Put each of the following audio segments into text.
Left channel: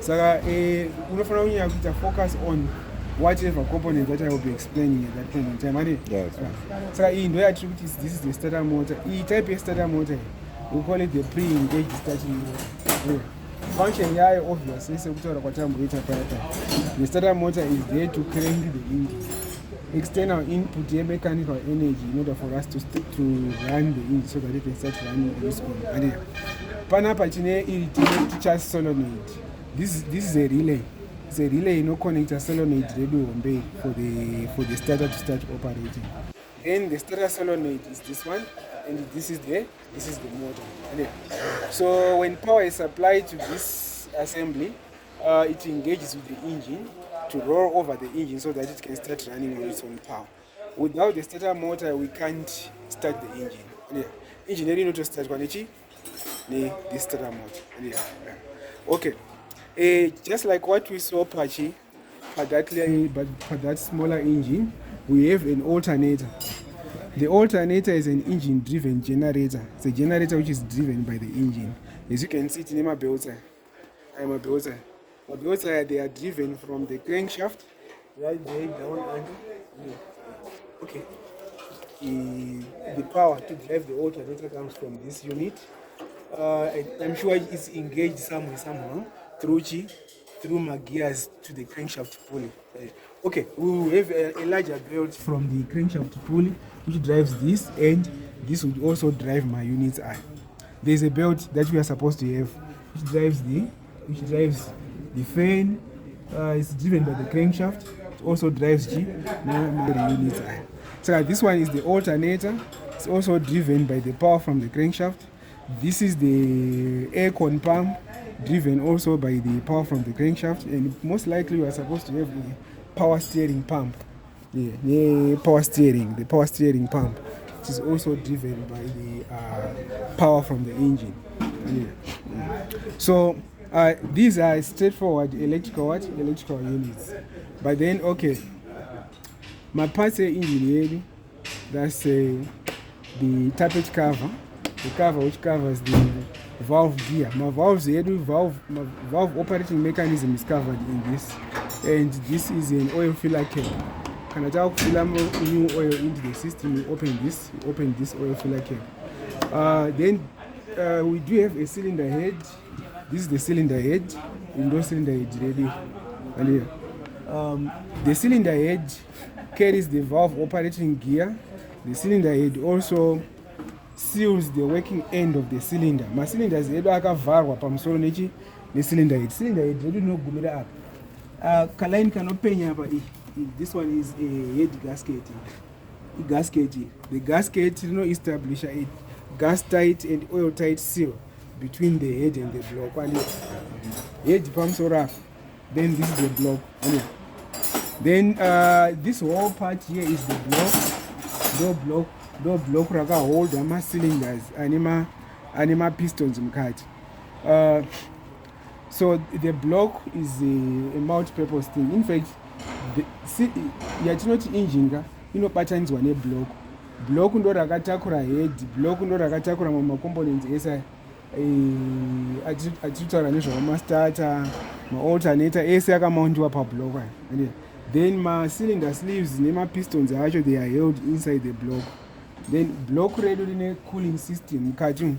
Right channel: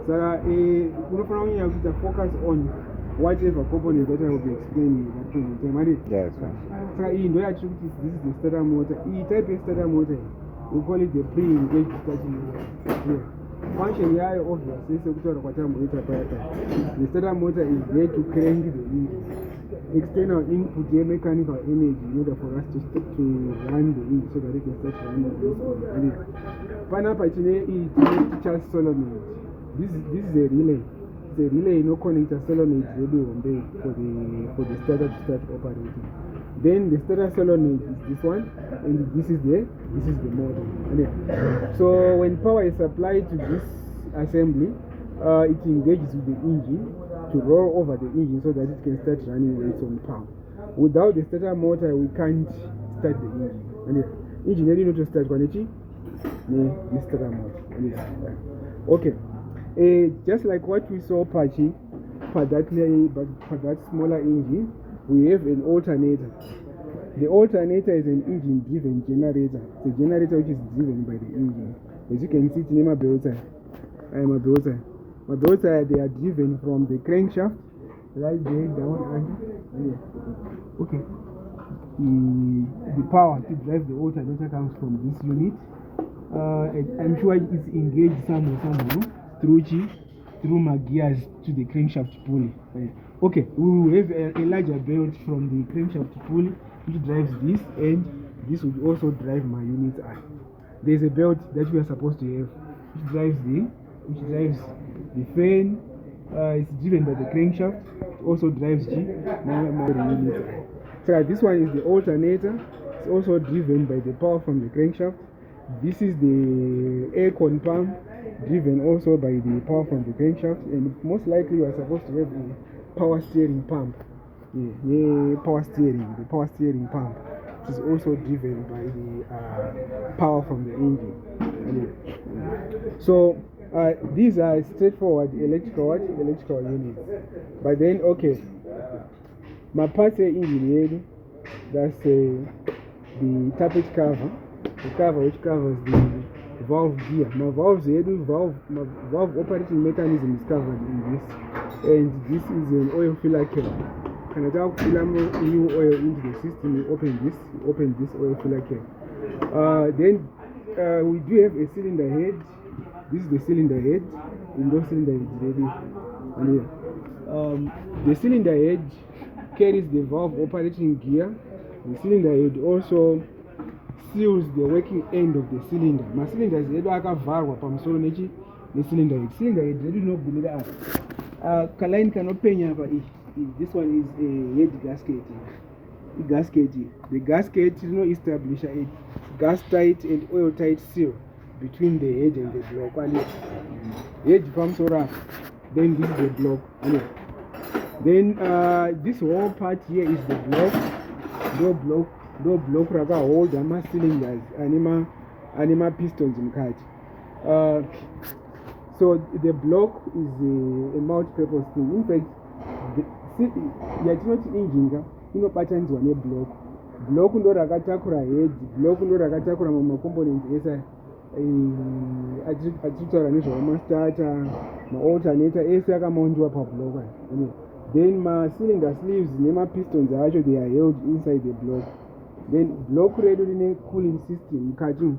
Saka unofana kunyanya kuita focus on whatever component that I will be explaining at that point in time. Yes. Saka iyi ndo yatiri kuti this is the starter motor. Iyi type ye-starter motor we call it the pre-engaged starting motor. Function yayo obviously sekutaura kwatamboita paya. The starter motor is there to crank the engine. External input mechanical energy in order for us to run the engine so that it can start running this on. Panapa chine irritated charge solenoid. This is a relay. It's a relay no connector solenoid radio for the starter to start operating. Then the starter solenoid is this one, and this is the motor. So when power is applied to this assembly, it engages with the engine to roll over the engine so that it can start running on its own power. Without the starter motor, we can't start the engine. Engine really not to start kwanichi the starter motor. Okay. Just like what we saw Apache for that smaller engine, we have an alternator. The alternator is an engine-driven generator. It's a generator which is driven by the engine. As you can see, it's in my belts. My belts are driven from the crankshaft right there down and okay. The power to drive the alternator comes from this unit. I'm sure it's engaged somewhere through my gears to the crankshaft pulley. Okay, we will have a larger belt from the crankshaft pulley which drives this, and this would also drive my unit's eye. There's a belt that we are supposed to have which drives the fan. It's driven by the crankshaft. It also drives the unit's eye. So this one is the alternator. It's also driven by the power from the crankshaft. This is the air con pump, driven also by the power from the crankshaft, and most likely you are supposed to have a power steering pump. The power steering pump, which is also driven by the power from the engine. So these are straightforward electrical units. But then, okay, my parts engine, that's the tappet cover. The cover which covers the valve gear. My valve operating mechanism is covered in this, and this is an oil filler cap. Can I fill new oil into the system? You open this oil filler cap. Then we do have a cylinder head. This is the cylinder head. Window cylinder head ready. And the cylinder head carries the valve operating gear. The cylinder head also seals the working end of the cylinder. My cylinder is akavarwa pamusoro nechi cylinder head. Cylinder head ready no gumira apa. Kalaini kanopenya apa. This one is a head gasket. The gasket establish a gas tight and oil tight seal between the head and the block. Head pamusoro. Then this is the block. Then this whole part here is the block. No block raka hold ama cylinders anima pistons mukati. So the block is a multi-purpose thing. In fact, yatinoti engine inobatanizwa neblock. Block ndo rakatakura head, block ndo rakatakura mamwe components esa atitaura nezvekumastarter, ma-alternator ese akamountiwa pablock. Then ma-cylinder sleeves nema-pistons acho they are held inside the block. Then block redo line cooling system mukati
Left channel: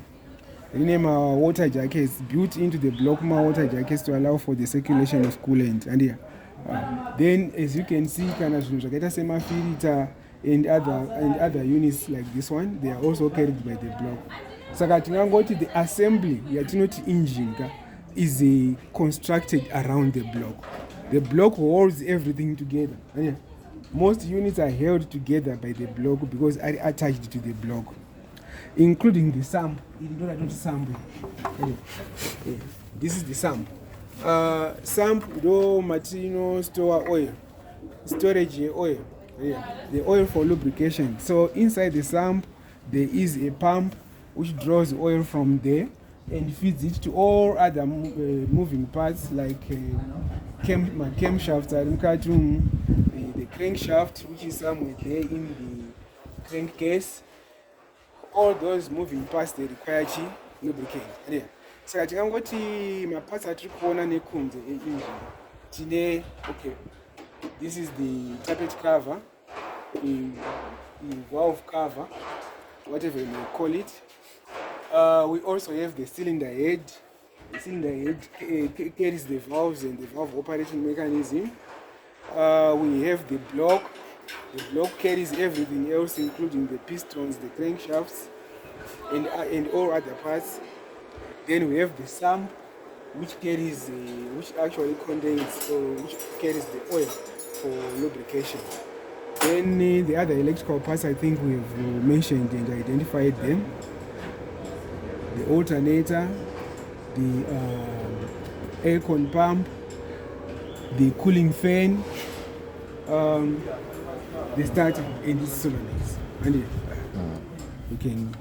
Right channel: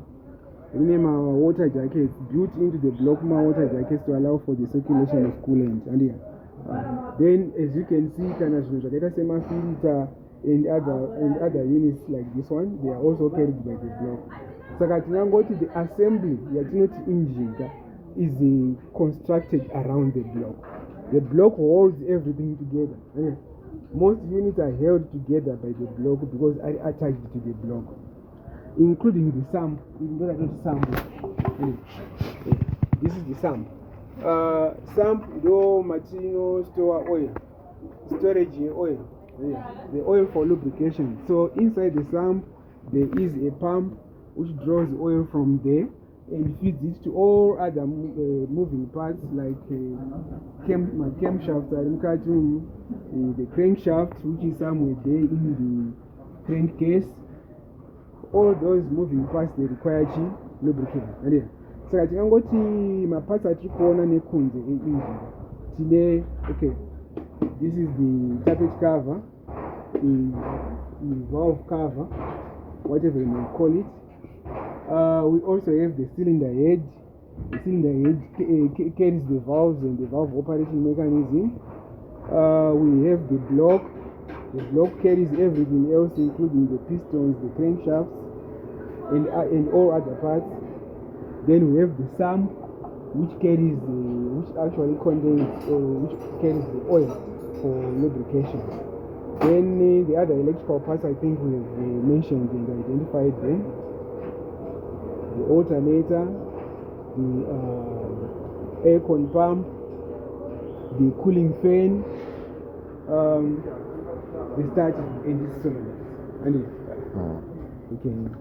line water jackets built into the block, water jackets to allow for the circulation of coolant. And then as you can see, kana zvinhu zvakaita semafilter and other units like this one, they are also carried by the block. Saka tinangoti the assembly yatinoti engine is constructed around the block. The block holds everything together. Most units are held together by the block because are attached to the block, including the sump. This is the sump. Sump do material store oil, storage oil. The oil for lubrication. So inside the sump there is a pump which draws oil from there and feeds it to all other moving parts like camshafts, the crankshaft, which is somewhere there in the crankcase. All those moving parts they require lubricant. saka tikangoti maparts atiri kuona nekunze engine tine okay, this is the tappet cover, in valve cover, whatever you may call it. We also have the cylinder head. The cylinder head carries the valves and the valve operating mechanism. We have the block. The block carries everything else, including the pistons, the crankshafts, and all other parts. Then we have the sump, which carries, which actually contains, or which carries the oil for lubrication. Then the other electrical parts, I think we have mentioned and identified them. The alternator, the air-con pump, the cooling fan, the starter, and the solenoids. And you can